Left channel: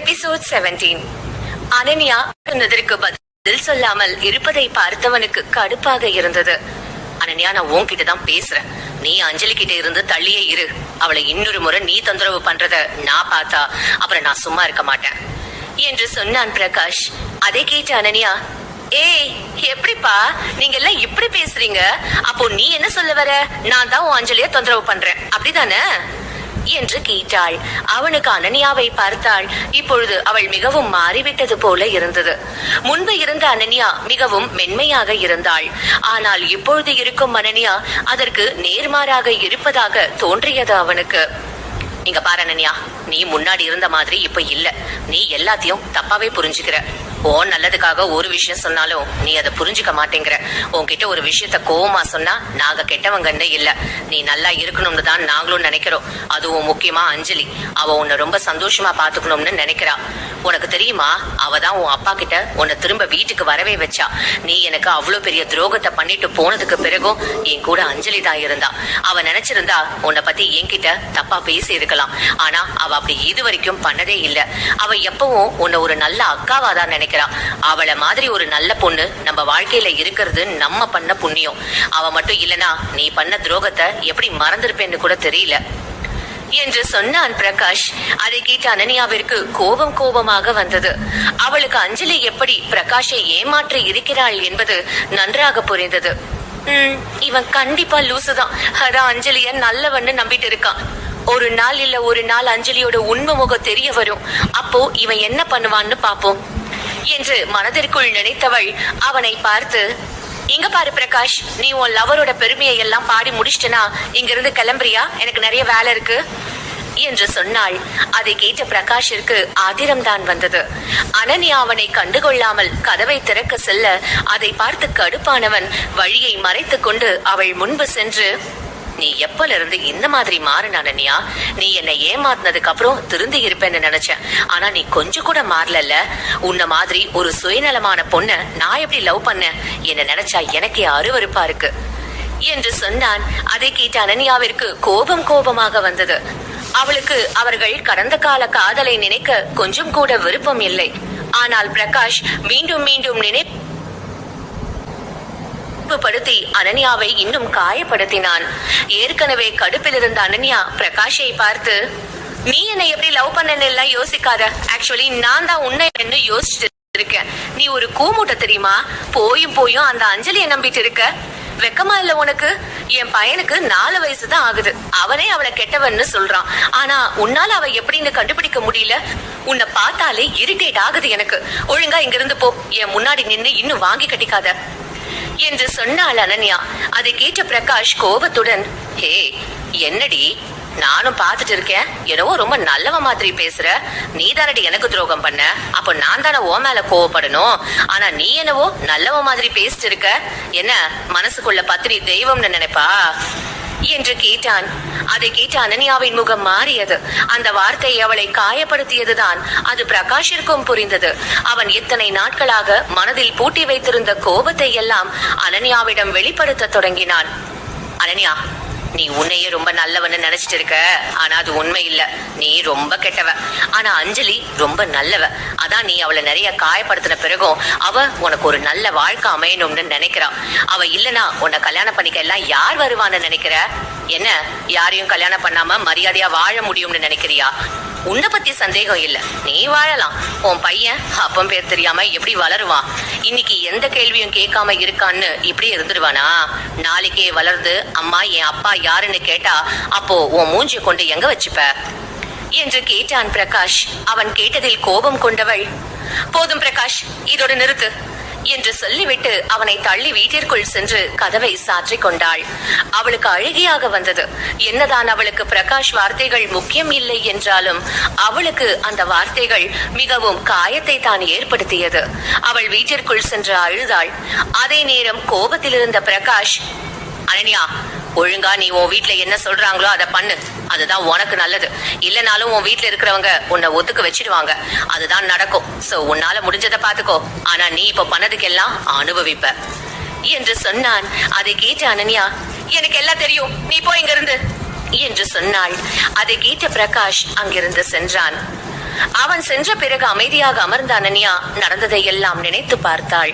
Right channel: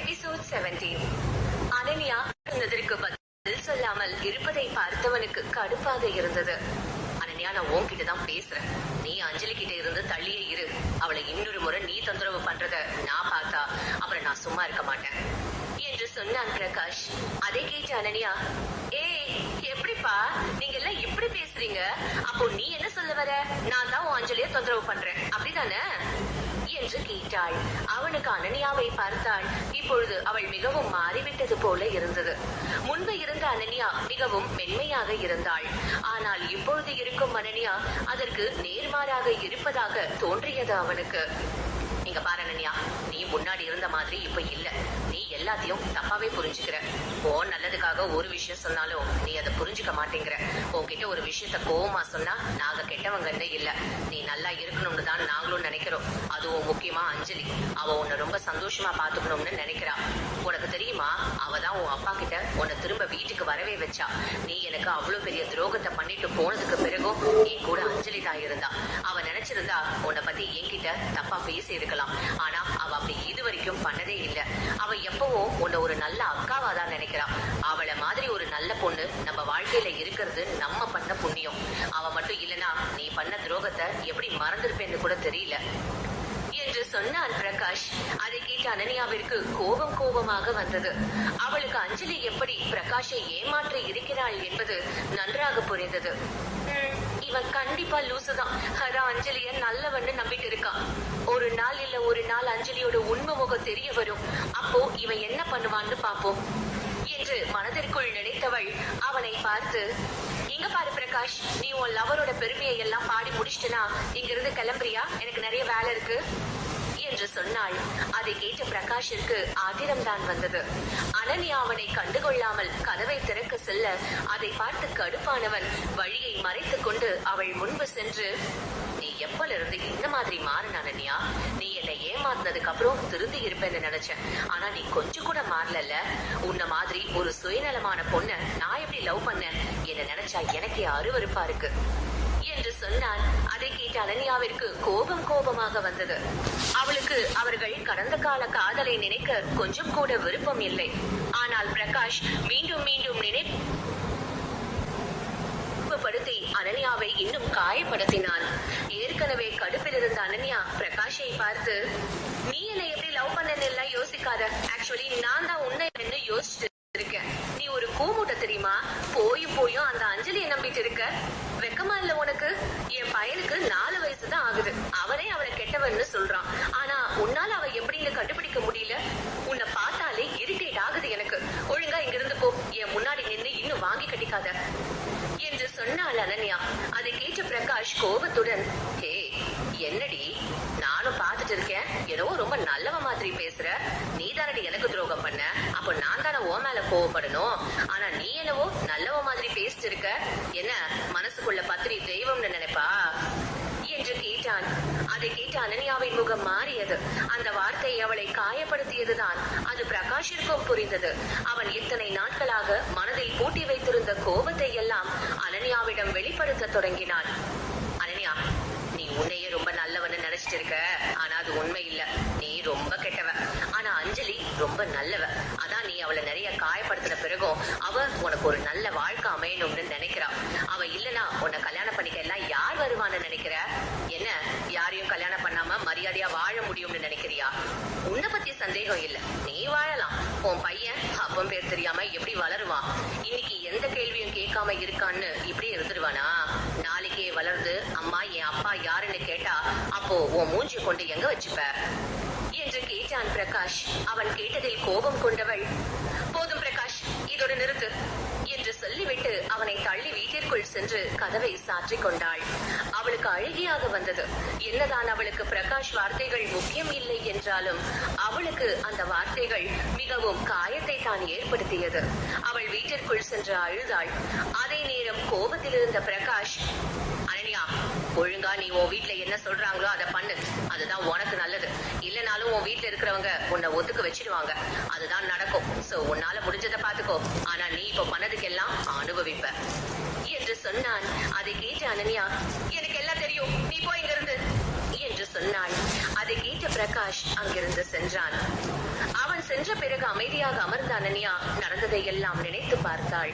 Episode 17. Ananya சொன்னதற்கு பதில் சொல்லாமல் இருப்பதை பார்த்தவனுக்கு கடுப்பாக இருந்தது. அனன்யா, நான் உன்கிட்ட தான் பேசுறேன். நீ அஞ்சலி கிட்ட இருந்து தள்ளியே இரு. அவளை இன்னொரு முறை நீ தொந்தரவு பண்றத நான் பார்த்தா அப்புறம் நான் சும்மா இருக்க மாட்டேன் என்று சொன்னான் பிரகாஷ். அதை கேட்ட அனன்யா, ஏய் எப்படிப்பா நீங்க எல்லாம் இப்படி பேசுறீங்க? அப்போ நீ என்ன சொல்ல வர? நான் தான் உன் அஞ்சலிய தொந்தரவு பண்றேன் அப்படிதானே என்று கேட்டாள். அவனுக்கு அனன்யாவை பார்த்தாள். இப்பொழுது அவள் மிகவும் மாறிவிட்டது போல இருந்தது. முன்பு இருந்த அனன்யா மிகவும் மென்மையாக இருந்தாள். ஆனால் இப்பொழுது இருக்கும் அனன்யா அதற்கு நேர்மாறாக இருப்பதாக தோன்றியது அவனுக்கு. இங்க பாரு அனன்யா, நீ முன்னாடி இருந்த மாதிரி இப்ப இல்ல. நீ எல்லாத்தையும் தப்பாவே புரிஞ்சுக்கிற. ஓ நல்லதுக்காக ஒரு விஷயம் சொன்னாலும் நீ அதை புரிஞ்சுக்க மாட்டேங்கிற. உன்கிட்ட ஒரு விஷயத்த கோவமா சொன்னா நாங்க கெட்டவங்கன்னு இல்ல, நீ நல்லா இருக்கணும்னு தான் நாங்களும் நினைக்கிறோம். அதுவும் முக்கியமா அஞ்சலி, அவ உன்னை ரொம்ப சந்தோஷமா பாத்துக்கணும்னு நினைக்கிறா. உனக்கு தெரியுமா, அவ தான் உன் அப்பா கிட்ட உன்னை திரும்ப வீட்டுக்கு வரவே வச்சா. நீ எனக்கு அவ்வளவு பெரிய துரோகத்தை பண்ணிட்டு போனதுக்கு பிறகும் என் கூட அஞ்சலி தான் இருந்தா. அவ நினைச்சிருந்தா உன்னை பத்தி என்கிட்ட தப்பா பேசி இருக்கலாம். ஆனா அவ அப்படி இது வரைக்கும் பண்ணதே இல்ல. அவ எப்பவும் உன்னை ஒரு நல்ல அக்காவா தான் நினைக்கிறா. அவளை மாதிரி ஒரு நல்ல பொண்ணு நம்ம வாழ்க்கையில இருக்கிறது நம்ம பண்ண புண்ணியம். அவ மட்டும் இல்லனா நீ பண்ண துரோகத்தை எப்படி மறந்திருப்பேன்னு கூட தெரியல என்று சொன்னான் பிரகாஷ். அதை கேட்ட அனன்யாவிற்கு கோபமாக வந்தது. அவளுக்கு அஞ்சலி எப்படி பிரகாஷை ஏமாற்றி இருக்கிறாள் என்பது நன்றாக புரிந்தது. இவன் கண்டிப்பா லூசுதான். அதான் அஞ்சலிய நல்லவன்னு நம்பிட்டு இருக்கான். ஒரு நாள் இல்ல ஒரு நாள் அஞ்சலியோட உண்மை முகம் தெரிய வரும். அப்போ இவன் என்ன பண்ணுவான்னு பாப்போம் என்று மனதிற்குள் நினைத்தவள் அவனை பார்த்து, இங்க பாரு பிரகாஷ், நீ உன் லவரோட பெருமையை எல்லாம் பாடி முடிச்சிட்டனா இங்கிருந்து கிளம்புறியா? எனக்கு நிறைய வேலை இருக்கு என்று சொன்னாள். அதை கேட்ட பிரகாஷிற்கு ஆத்திரம்தான் வந்தது. அனன்யா அவனை கண்டுகொள்ளாமல் கதவை திறக்க செல்ல அதை பார்த்து கடுப்பானவன் வழியை மறைத்துக் கொண்டு அவள் முன்பு சென்று, நீ எப்பல இருந்து இந்த மாதிரி மாறின அனன்யா? நீ என்னை ஏமாத்தினதுக்கு அப்புறம் திருந்தி இருப்பேன்னு நினைச்சேன். ஆனா நீ கொஞ்சம் கூட மாறல. உன்ன மாதிரி ஒரு சுயநலமான பொண்ண நான் எப்படி லவ் பண்ண? என்ன நினைச்சா எனக்கே அருவருப்பா இருக்கு என்று சொன்னான். அதை கேட்ட அனன்யாவிற்கு கோபமாக வந்தது. அவளுக்கு அவர்கள் கடந்த கால காதலை நினைக்க கொஞ்சம் கூட விருப்பம் இல்லை. ஆனால் பிரகாஷ் மீண்டும் படுத்தி அனன்யாவை இன்னும் காயப்படுத்தினான். ஏற்கனவே கடுப்பில் இருந்த அனன்யா பிரகாஷை பார்த்து, நீ என்னை எப்படி லவ் பண்ணன்னு எல்லாம் யோசிக்காத. ஆக்சுவலி நான் தான் உன்னை என்ன யோசிச்சுட்டு இருக்கேன். நீ ஒரு கூமுட்ட தெரியுமா? போயும் அந்த அஞ்சலியை நம்பிட்டு இருக்க. வெக்கமா இல்ல உனக்கு? என் பையனுக்கு 4 வயசு தான் ஆகுது. அவனே அவளை கெட்டவன்னு சொல்றான். ஆனா உன்னால அவ எப்படின்னு கண்டுபிடிக்க முடியல. உன்னை பார்த்தாலே இரிட்டேட் ஆகுது எனக்கு. ஒழுங்கா இங்கிருந்து போ. என் முன்னாடி நின்னு இன்னும் வாங்கி கட்டிக்காத என்று சொன்னாள் அனன்யா. அதை கேட்ட பிரகாஷ் கோபத்துடன், ஹே என்னடி, நானும் பாத்துட்டு இருக்கேன். என்னவோ ரொம்ப நல்லவ மாதிரி பேசுற. நீ தானடி எனக்கு துரோகம் பண்ண. அப்போ நான் தானே ஓ மேல கோவப்படணும். ஆனா நீ என்னவோ நல்லவ மாதிரி பேசிட்டு இருக்க. என்ன மனசுக்குள்ள பத்தினி தெய்வம்னு நினைப்பா என்று கேட்டான். அதை கேட்ட அனன்யாவின் முகம் மாறியது. அந்த வார்த்தை அவளை காயப்படுத்தியதுதான் அது பிரகாஷிற்கும் புரிந்தது. அவன் இத்தனை நாட்களாக மனதில் பூட்டி வைத்திருந்த கோபத்தை எல்லாம் அனன்யாவிடம் வெளிப்படுத்த தொடங்கினான். அனன்யா, நீ உன்னையே ரொம்ப நல்லவன்னு நினைச்சிட்டு இருக்க. ஆனா அது உண்மை இல்ல. நீ ரொம்ப கெட்டவ. ஆனா அஞ்சலி ரொம்ப நல்லவ. அதான் நீ அவளை நிறைய காயப்படுத்தின பிறகும் அவ உனக்கு ஒரு நல்ல வாழ்க்கை அமையணும்னு நினைக்கிறா. அவ இல்லனா உன்னை கல்யாணம் பண்ணிக்க எல்லாம் யார் வருவான்னு நினைக்கிற? என்ன யாரையும் கல்யாணம் பண்ணாம மரியாதையா வாழ முடியும்னு நினைக்கிறியா? உன்னை பத்தி சந்தேகம் இல்ல, நீ வாழலாம். உன் பையன் அப்பம் பேர் தெரியாம எப்படி வளருவான்? இன்னைக்கு எந்த கேள்வியும் கேட்காம இருக்கான்னு இப்படி இருந்துருவானா? நாளைக்கே வளர்ந்து அம்மா என் அப்பா யாருன்னு கேட்டா அப்போ உன் மூஞ்சிய கொண்டு எங்க வச்சுப்ப என்று கேட்டான் பிரகாஷ். அவன் கேட்டதில் கோபம் கொண்டவள், போதும் பிரகாஷ், இதோட நிறுத்து என்று சொல்லிவிட்டு அவனை தள்ளி வீட்டிற்குள் சென்று கதவை சாற்றிக் கொண்டாள். அவளுக்கு அழுகையாக வந்தது. என்னதான் அவளுக்கு பிரகாஷ் வார்த்தைகள் முக்கியம் இல்லை என்றாலும் அவளுக்கு அந்த வார்த்தைகள் மிகவும் காயத்தை தான் ஏற்படுத்தியது. அவள் வீட்டிற்குள் சென்று அழுதாள். அதே நேரம் கோபத்தில் இருந்த பிரகாஷ், அனன்யா, ஒழுங்கா நீ உன் வீட்டுல என்ன சொல்றாங்களோ அதை பண்ணு. அதுதான் உனக்கு நல்லது. இல்லனாலும் உன் வீட்டுல இருக்கிறவங்க உன்னை ஒத்துக்க வச்சிடுவாங்க. அதுதான் நடக்கும். சோ உன்னால முடிஞ்சதை பாத்துக்கோ. ஆனா நீ இப்ப பண்ணதுக்கெல்லாம் அனுபவிப்ப என்று சொன்னான். அதை கேட்ட அனன்யா, எனக்கு எல்லாம் தெரியும், நீ போ இங்க இருந்து என்று சொன்னாள். அதை கேட்ட பிரகாஷ் அங்கிருந்து சென்றான். அவன் சென்ற பிறகு அமைதியாக அமர்ந்த அனன்யா நடந்ததை எல்லாம் நினைத்து பார்த்தாள்.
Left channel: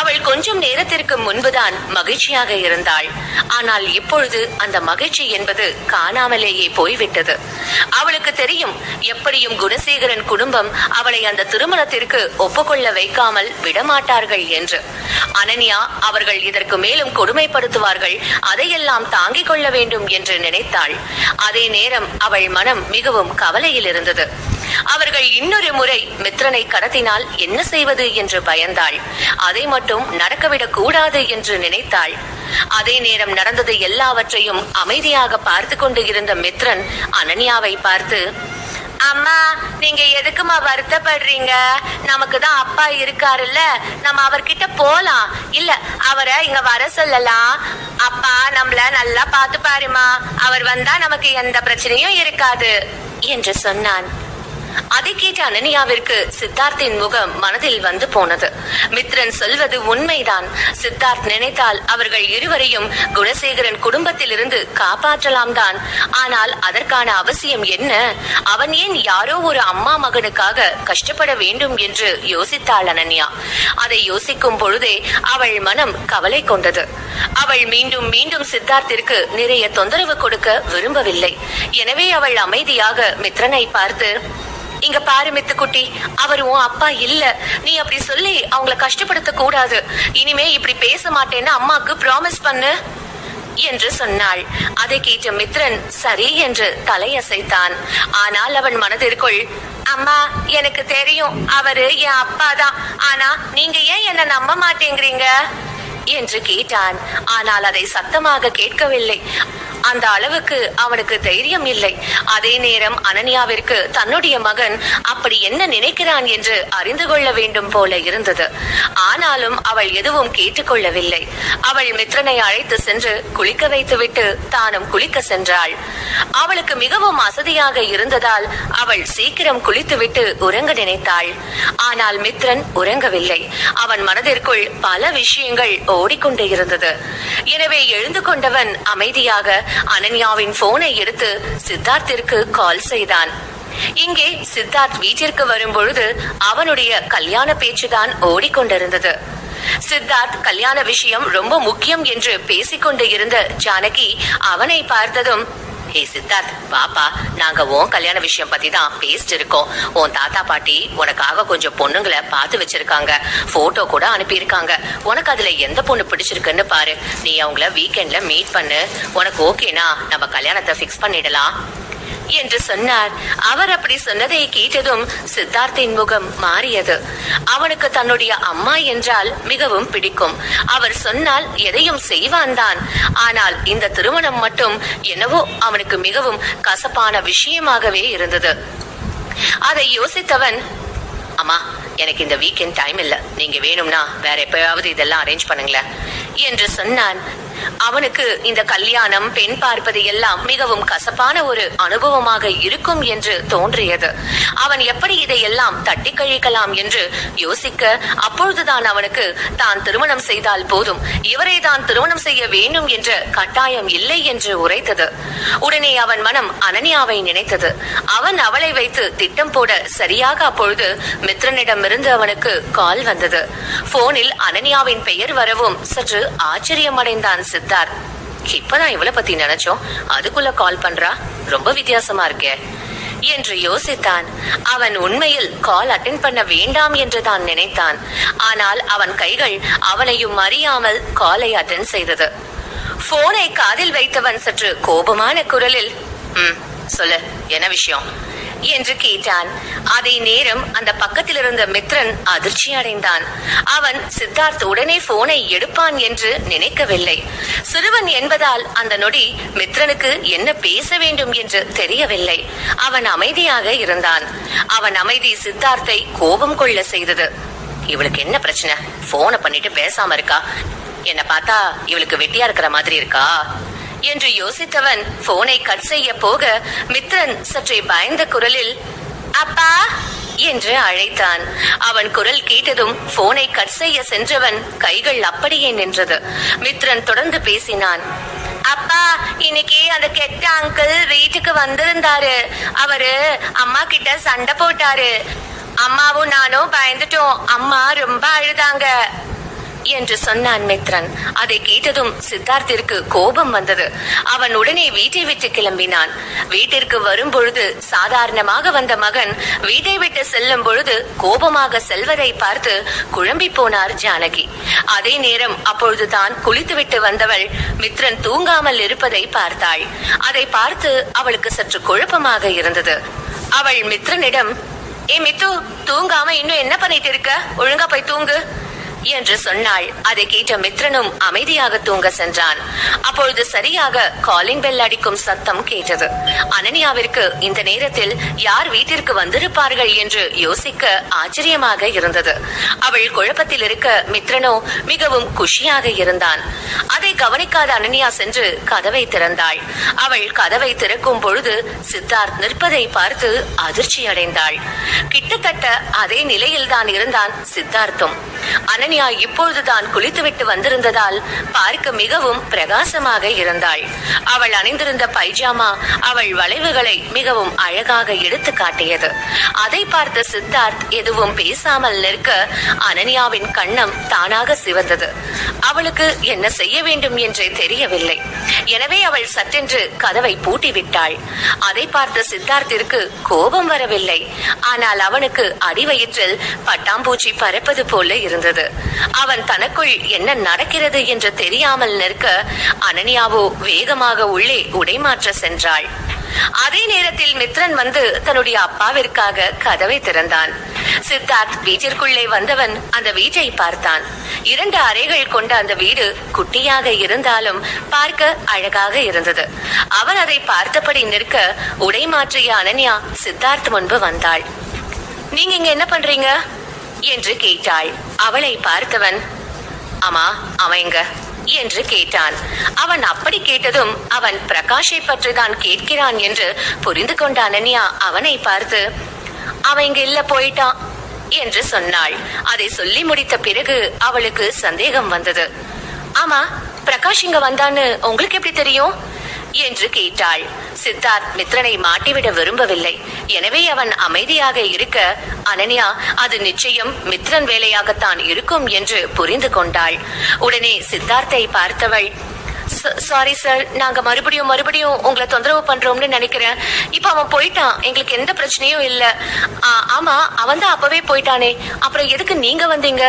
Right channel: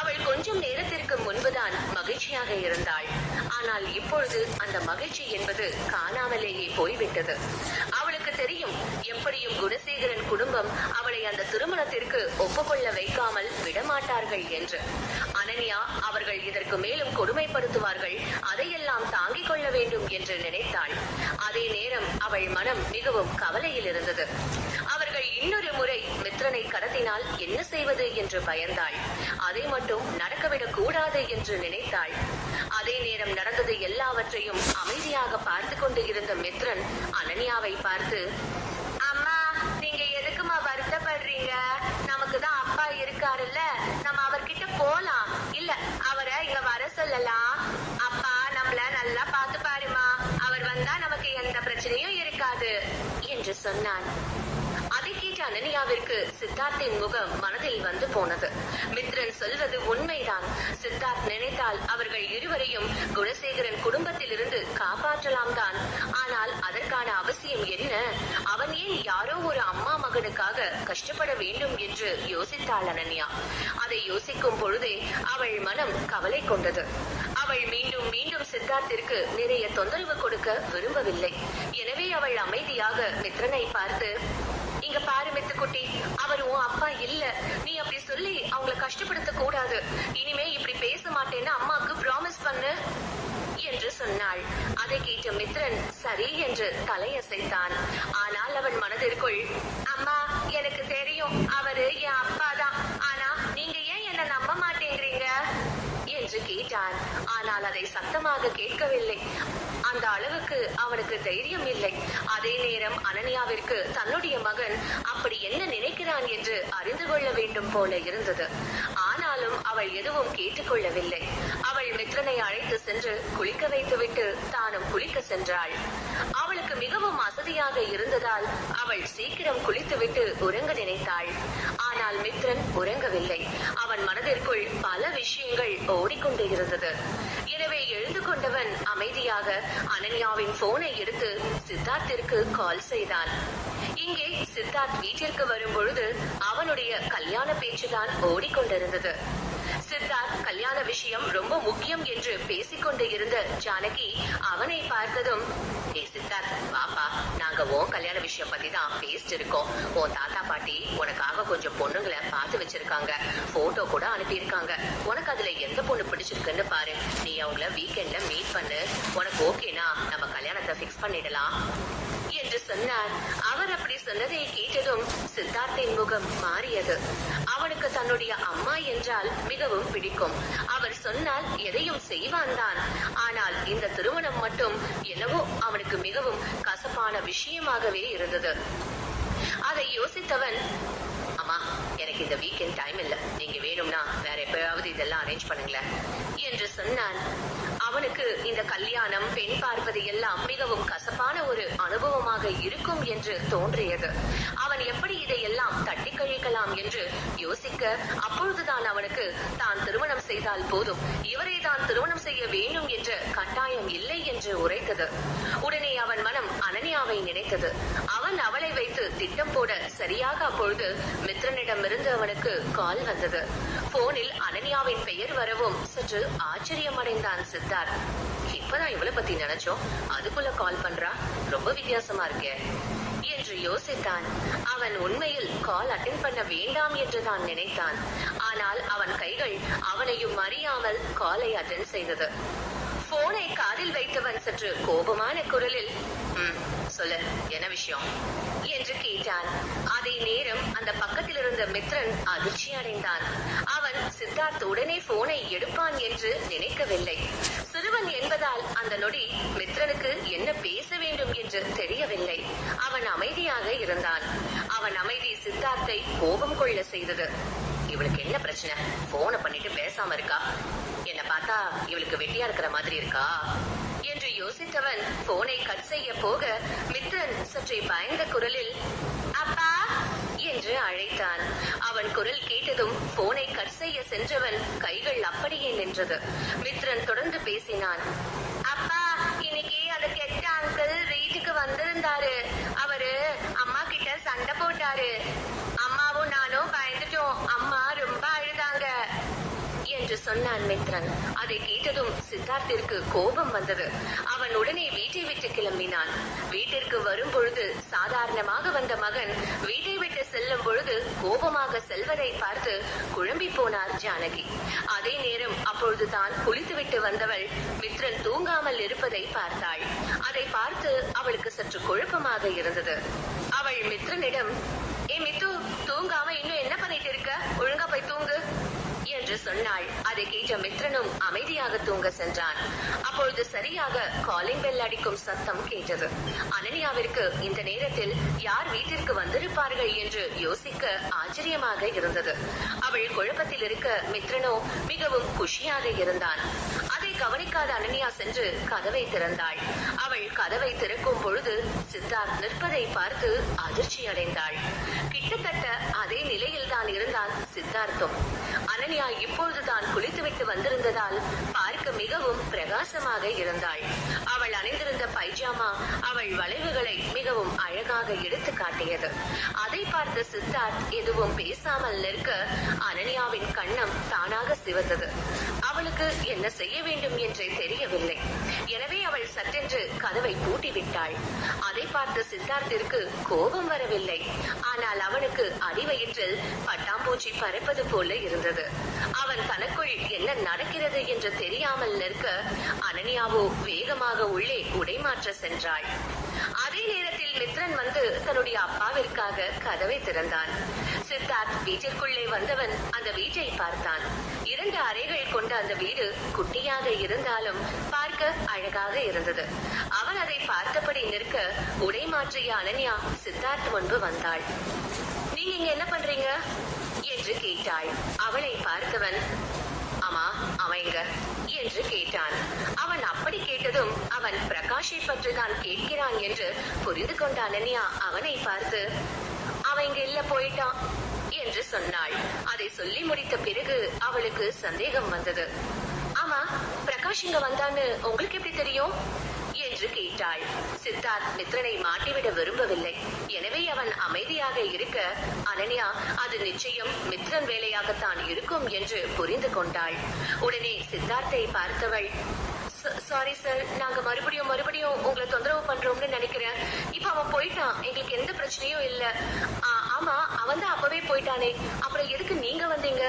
அவள் கொஞ்சம் நேரத்திற்கு முன்புதான் மகிழ்ச்சியாக இருந்தாள். ஆனால் இப்பொழுது அந்த மகிழ்ச்சி என்பது காணாமலேயே போய்விட்டது. அவளுக்கு தெரியும், எப்படியும் குணசேகரன் குடும்பம் அவளை அந்த திருமணத்திற்கு ஒப்புக்கொள்ள வைக்காமல் விடமாட்டார்கள் என்று. அனன்யா அவர்கள் இதற்கு மேலும் கொடுமைப்படுத்துவார்கள், அதையெல்லாம் தாங்கிக் கொள்ள வேண்டும் என்று நினைத்தாள். அதே நேரம் அவள் மனம் மிகவும் கவலையில் இருந்தது. அவர்கள் இன்னொரு முறை மித்ரனை கடத்தினால் என்ன செய்வது என்று பயந்தாள். அதை மட்டும் நடக்கவிடக் கூடாது என்று நினைத்தாள். அதே நேரம் நடந்தது எல்லாவற்றையும் அமைதியாக பார்த்து கொண்டு இருந்த மித்ரன் அனன்யாவை பார்த்து, அம்மா, நீங்க எதுக்குமா வருத்தப்படுறீங்க? நமக்கு தான் அப்பா இருக்காருல்ல, நம்ம அவர்கிட்ட போலாம். இல்ல, அவரை இங்க வர சொல்லலாம். அப்பா நம்மள நல்லா பாத்து பாருமா, அவர் வந்தா நமக்கு எந்த பிரச்சனையும் இருக்காது என்று சொன்னான். அதை கேட்ட அனன்யாவிற்கு சித்தார்த்தின் முகம் மனதில் வந்து போனது. மித்ரன் சொல்வது உண்மைதான். சித்தார்த் நினைத்தால் அவர்கள் இருவரையும் குணசேகரன் குடும்பத்தில் இருந்து காப்பாற்றலாம் தான். ஆனால் அதற்கான அவசியம் என்ன? அவன் ஏன் யாரோ ஒரு அம்மா மகனுக்காக கஷ்டப்பட வேண்டும் என்று யோசித்தாள் அனன்யா. அதை யோசிக்கும் பொழுதே அவள் மனம் கவலை கொண்டது. அவள் மீண்டும் மீண்டும் சித்தார்த்திற்கு நிறைய தொந்தரவு கொடுக்க விரும்பவில்லை. எனவே அவள் அமைதியாக மித்ரனை பார்த்து, இங்க பாரு மித்துக்குட்டி, அவர் உன் அப்பா இல்ல. நீ அப்படி சொல்லி அவங்கள கஷ்டப்படுத்த கூடாது. இனிமே இப்படி பேச மாட்டேன்னு அம்மாக்கு ப்ராமிஸ் பண்ணு என்று சொன்னாள். அதை கேட்ட மித்ரன் சரி என்று தலையசைத்தான். ஆனால் அவன் மனதிற்குள், அம்மா, எனக்கு தெரியும் அவரு என் அப்பா தான். ஆனா நீங்க ஏன் என்ன நம்ப மாட்டேங்கிறீங்க என்று கேட்டான். ஆனால் அதை சத்தமாக கேட்கவில்லை. அந்த அளவுக்கு அவனுக்கு தைரியம் இல்லை. அதே நேரம் அனன்யாவிற்கு தன்னுடைய மகன் அப்படி என்ன நினைக்கிறான் என்று அறிந்து கொள்ள வேண்டும் போல இருந்தது. ஆனாலும் அவள் எதுவும் கேட்டுக்கொள்ளவில்லை. அவள் மித்ரனை அழைத்து சென்று குளிக்க வைத்துவிட்டு தானும் குளிக்க சென்றாள். அவளுக்கு மிகவும் அசதியாக இருந்ததால் அவள் சீக்கிரம் குளித்துவிட்டு உறங்க நினைத்தாள். ஆனால் மித்ரன் உறங்கவில்லை. அவன் மனதிற்குள் பல விஷயங்கள் ஓடிக்கொண்டே இருந்தது. எனவே எழுந்து கொண்டவன் அமைதியாக அனன்யாவின் போனை எடுத்து சித்தார்த்திற்கு கால் செய்தான். இங்கே சித்தார்த் வீட்டிற்கு வரும்பொழுது அவனுடைய கல்யாண பேச்சுதான் ஓடிக்கொண்டிருந்தது. சித்தார்த் கல்யாண விஷயம் ரொம்ப முக்கியம் என்று பேசிக்கொண்டு இருந்த ஜானகி அவனை பார்த்ததும், ஹே சித்தார்த், பாப்பா, நாங்க உன் கல்யாண விஷயம் பத்தி தான் பேசிட்டு இருக்கோம். உன் தாத்தா பாட்டி உனக்காக கொஞ்சம் பொண்ணுங்களை பார்த்து வச்சிருக்காங்க, போட்டோ கூட அனுப்பியிருக்காங்க. உனக்கு அதுல எந்த பொண்ணு பிடிச்சிருக்குன்னு பாரு. நீ அவங்கள வீக்கெண்ட்ல மீட் பண்ணு. உனக்கு ஓகேனா நம்ம கல்யாணத்தை பிக்ஸ் பண்ணிடலாம் என்று சொன்னார். அவர் அப்படி சொன்னதை கேட்டதும் சித்தார்த்தின் முகம் மாறியது. அவனுக்கு தன்னுடைய அம்மா என்றால் மிகவும் பிடிக்கும். அவர் சொன்னால் எதையும் செய்வான் தான். ஆனால் இந்த திருமணம் மட்டும் என்னவோ அவனுக்கு மிகவும் கசப்பான விஷயமாகவே இருந்தது. அதை யோசித்தவன், அம்மா, எனக்கு இந்த வீக்கெண்ட் டைம் இல்ல, நீங்க வேணும்னா வேற எப்பயாவது இதெல்லாம் அரேஞ்ச் பண்ணுங்களேன் என்று சொன்னான். அவனுக்கு இந்த கல்யாணம், பெண் பார்ப்பது எல்லாம் மிகவும் கசப்பான ஒரு அனுபவமாக இருக்கும் என்று தோன்றியது. அவன் எப்படி இதையெல்லாம் தட்டி கழிக்கலாம் என்று யோசிக்க, அப்பொழுதுதான் அவனுக்கு தான் திருமணம் செய்தால் போதும், இவரை தான் திருமணம் செய்ய வேண்டும் என்ற கட்டாயம் இல்லை என்று உரைத்தது. உடனே அவன் மனம் அனன்யாவை நினைத்தது. அவன் அவளை வைத்து திட்டம் போட சரியாக அப்பொழுது மித்ரனிடமிருந்து அவனுக்கு கால் வந்தது. போனில் அனன்யாவின் பெயர் வரவும் சற்று ஆச்சரியம் அடைந்தான் சித்தார்த். இப்பதான் இவளை பத்தி நினைச்சோம், அதுக்குள்ள கால் பண்றா, ரொம்ப வித்தியாசமா இருக்கே என்று யோசித்தான். அவன் உண்மையில் கால் அட்டென்ட் பண்ண வேண்டாம் என்று தான் நினைத்தான். ஆனால் அவன் கைகள் அவனையும் அறியாமல் காலை அட்டென்ட் செய்தது. போனை காதில் வைத்தவன் சற்று கோபமான குரலில், சொல்லு, என்ன விஷயம் என்று கேட்டான். அதே நேரம் அந்த பக்கத்தில் இருந்த மித்ரன் அதிர்ச்சி அடைந்தான். அவன் சித்தார்த் உடனே போனை எடுப்பான் என்று நினைக்கவில்லை. சிறுவன் என்பதால் அந்த நொடி மித்ரனுக்கு என்ன பேச வேண்டும் என்று தெரியவில்லை. அவன் அமைதியாக இருந்தான். அவன் அமைதி சித்தார்த்தை கோபம் கொள்ள செய்தது. இவளுக்கு என்ன பிரச்சனை? போனை பண்ணிட்டு பேசாம இருக்கா? என்ன பார்த்தா இவளுக்கு வெட்டியா இருக்கிற மாதிரி இருக்கா என்று யோசித்தவன் போனை கட் செய்ய போக மித்ரன் சற்றே பயந்த குரலில், அப்பா என்று அழைத்தான். அவன் குரல் கேட்டதும் போனை கட் செய்ய சென்றவன் கைகள் அப்படியே நின்றது. மித்ரன் தொடர்ந்து பேசினான். அப்பா, இன்னைக்கு அந்த கெட்ட அங்கிள் வீட்டுக்கு வந்திருந்தாரு. அவரு அம்மா கிட்ட சண்டை போட்டாரு. அம்மாவும் நானும் பயந்துட்டோம். அம்மா ரொம்ப அழுதாங்க என்று சொன்னான் மித்ரன். அதை கேட்டதும் சித்தார்த்திற்கு கோபம் வந்தது. அவன் உடனே வீட்டை விட்டு கிளம்பினான். வீட்டிற்கு வரும் பொழுது சாதாரணமாக வந்த மகன் வீட்டை விட்டு செல்லும் பொழுது கோபமாக செல்வதை பார்த்து குழம்பி போனார் ஜானகி. அதே நேரம் அப்பொழுதுதான் குளித்துவிட்டு வந்தவள் மித்ரன் தூங்காமல் இருப்பதை பார்த்தாள். அதை பார்த்து அவளுக்கு சற்று குழப்பமாக இருந்தது. அவள் மித்ரனிடம், ஏ மித்து, தூங்காம இன்னும் என்ன பண்ணிட்டு இருக்க? ஒழுங்கா போய் தூங்கு என்று சொன்னாள். அதை கேட்ட மித்ரனும் அமைதியாக தூங்க சென்றான். அப்பொழுது சரியாக காலிங் பெல் அடிக்கும் சத்தம் கேட்டது. அனன்யாவிற்கு இந்த நேரத்தில் யார் வீட்டிற்கு வந்திருப்பார்கள் என்று யோசிக்க ஆச்சரியமாக இருந்தது. அவள் குழப்பத்தில் இருக்க மித்ரனோ மிகவும் குஷியாக இருந்தான். அதை கவனிக்காத அனன்யா சென்று கதவை திறந்தாள். அவள் கதவை திறக்கும் பொழுது சித்தார்த் நிற்பதை பார்த்து அதிர்ச்சி அடைந்தாள். கிட்டத்தட்ட அதே நிலையில் தான் இருந்தான் சித்தார்த்தும். அனன்யா இப்பொழுதுதான் குளித்துவிட்டு வந்திருந்ததால் பார்க்க மிகவும் பிரகாசமாக இருந்தாள். அவள் அணிந்திருந்த பைஜாமா அவள் வளைவுகளை மிகவும் அழகாக எடுத்து காட்டியது. அதை பார்த்த சித்தார்த் எதுவும் பேசாமல் நிற்க அனன்யாவின் கண்ணம் தானாக சிவந்தது. அவளுக்கு என்ன செய்ய வேண்டும் என்றே தெரியவில்லை. எனவே அவள் சட்டென்று கதவை பூட்டிவிட்டாள். அதை பார்த்த சித்தார்த்திற்கு கோபம் வரவில்லை. ஆனால் அவனுக்கு அடிவயிற்றில் பட்டாம்பூச்சி பறப்பது போல இருந்தது. அவன் தனக்குள் என்ன நடக்கிறது என்று தெரியாமல் நிற்க அனன்யாவோ வேகமாக உள்ளே உடைமாற்ற சென்றாள். அதே நேரத்தில் மித்ரன் வந்து தன்னுடைய அப்பாவிற்காக கதவை திறந்தான். சித்தார்த் வீட்டிற்குள்ளே வந்தவன் அந்த வீட்டை பார்த்தான். 2 அறைகள் கொண்ட அந்த வீடு குட்டியாக இருந்தாலும் பார்க்க அழகாக இருந்தது. அவன் அதை பார்த்தபடி நிற்க உடை மாற்றிய அனன்யா சித்தார்த் முன்பு வந்தாள். நீங்க இங்க என்ன பண்றீங்க என்று கேட்டாள். அவளை பார்த்தவன், ஆமா அவன் எங்க என்று கேட்டான். அவன் அப்படி கேட்டதும் அவன் பிரகாஷை பற்றி தான் கேட்கிறான் என்று புரிந்து கொண்ட அனன்யா அவனை பார்த்து, அவன் இங்க இல்ல, போயிட்டான் என்று சொன்னாள். அதை சொல்லி முடித்த பிறகு அவளுக்கு சந்தேகம் வந்தது. ஆமா, பிரகாஷ் இங்க வந்தான்னு உங்களுக்கு எப்படி தெரியும் என்று கேட்டாள். சித்தார்த் மித்ரனை மாட்டிவிட விரும்பவில்லை. எனவே அவன் அமைதியாக இருக்க அனன்யா அது நிச்சயம் மித்ரன் வேலையாகத்தான் இருக்கும் என்று புரிந்து கொண்டாள். உடனே சித்தார்த்தை பார்த்தவள், சாரி சார், நாங்க மறுபடியும் உங்களை தொந்தரவு பண்றோம்னு நினைக்கிறேன். இப்ப அவன் போயிட்டான், எங்களுக்கு எந்த பிரச்சனையும் இல்ல. ஆமா, அவன் தான் அப்பவே போயிட்டானே, அப்புறம் எதுக்கு நீங்க வந்தீங்க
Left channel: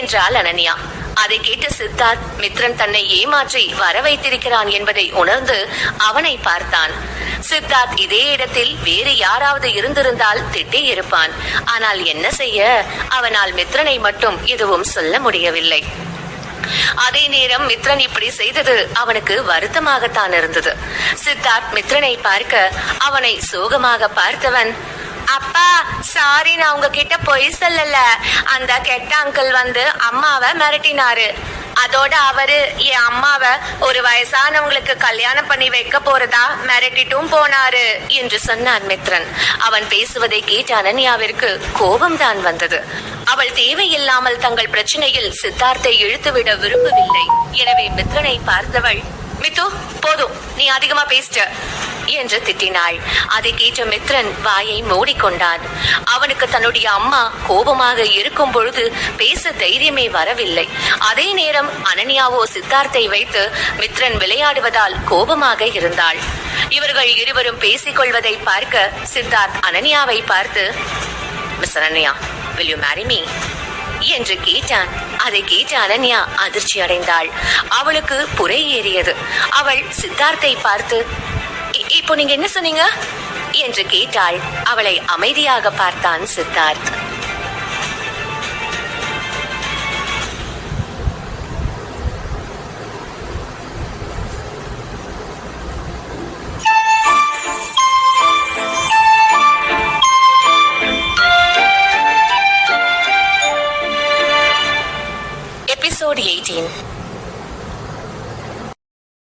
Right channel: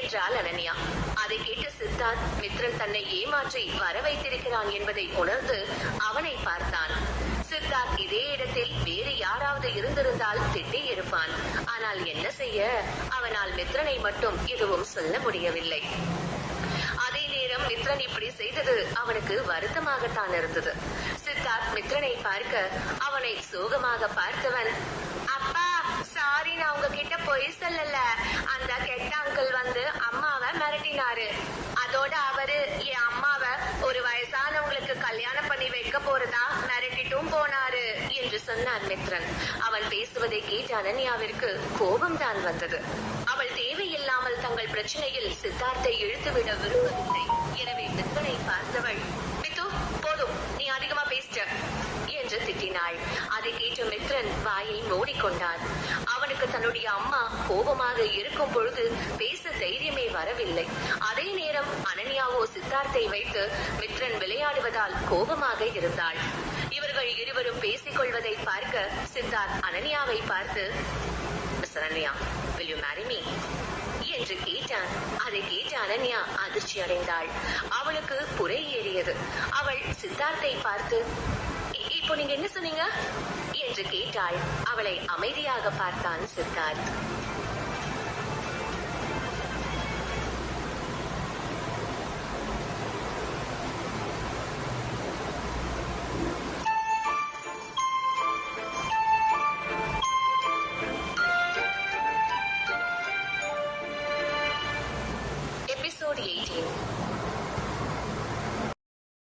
என்றாள் அனன்யா. அதை கேட்டு சித்தார்த் மித்ரன் தன்னை ஏமாற்றி வர வைத்திருக்கிறான் என்பதை உணர்ந்து அவனை பார்த்தான். சித்தார்த் இதே இடத்தில் வேறு யாராவது இருந்திருந்தால் திட்டி இருப்பான். ஆனால் என்ன செய்ய, அவனால் மித்ரனை மட்டும் எதுவும் சொல்ல முடியவில்லை. அதே நேரம் மித்ரன் இப்படி செய்தது அவனுக்கு வருத்தமாகத்தான் இருந்தது. சித்தார்த் மித்ரனை பார்க்க அவனை சோகமாக பார்த்தவன், அப்பா சாரி, நான் உங்ககிட்ட பொய் சொல்லல. அந்த கெட்ட அங்கிள் வந்து அம்மாவை மிரட்டினாரு. அதோட அவரு என் அம்மாவை ஒரு வயசானவங்களுக்கு கல்யாணம் பண்ணி வைக்க போறதா மிரட்டிட்டும் போனாரு என்று சொன்னான் மித்ரன். அவன் பேசுவதை கேட்ட அனன்யாவிற்கு கோபம் தான் வந்தது. அவள் தேவையில்லாமல் தங்கள் பிரச்சனையில் சித்தார்த்தை இழுத்துவிட விரும்பவில்லை. எனவே மித்ரனை பார்த்தவள், மித்து போதும், நீ அதிகமா பேசிட்ட என்று திட்டினாள். அதை கேட்ட மித்ரன் வாயை மூடிக்கொண்டான். அவனுக்கு தன்னுடைய அம்மா கோபமாக இருக்கும் பொழுது பேச தைரியமே வரவில்லை. அதே நேரம் அனன்யாவோ சித்தார்த்தை வைத்து மித்ரன் விளையாடுவதால் கோபமாக இருந்தாள். இவர்கள் இருவரும் பேசிக் கொள்வதை பார்க்க சித்தார்த் அனன்யாவை பார்த்து, miss Ananya, will you marry me என்று கேட்டான். அதை கேட்ட அனன்யா அதிர்ச்சி அடைந்தாள். அவளுக்கு புரை ஏறியது. அவள் சித்தார்த்தை பார்த்து, இப்போ நீங்க என்ன சொன்னீங்க என்று கேட்டாள். அவளை அமைதியாக பார்த்தான் சித்தார்த். எபிசோட் 18.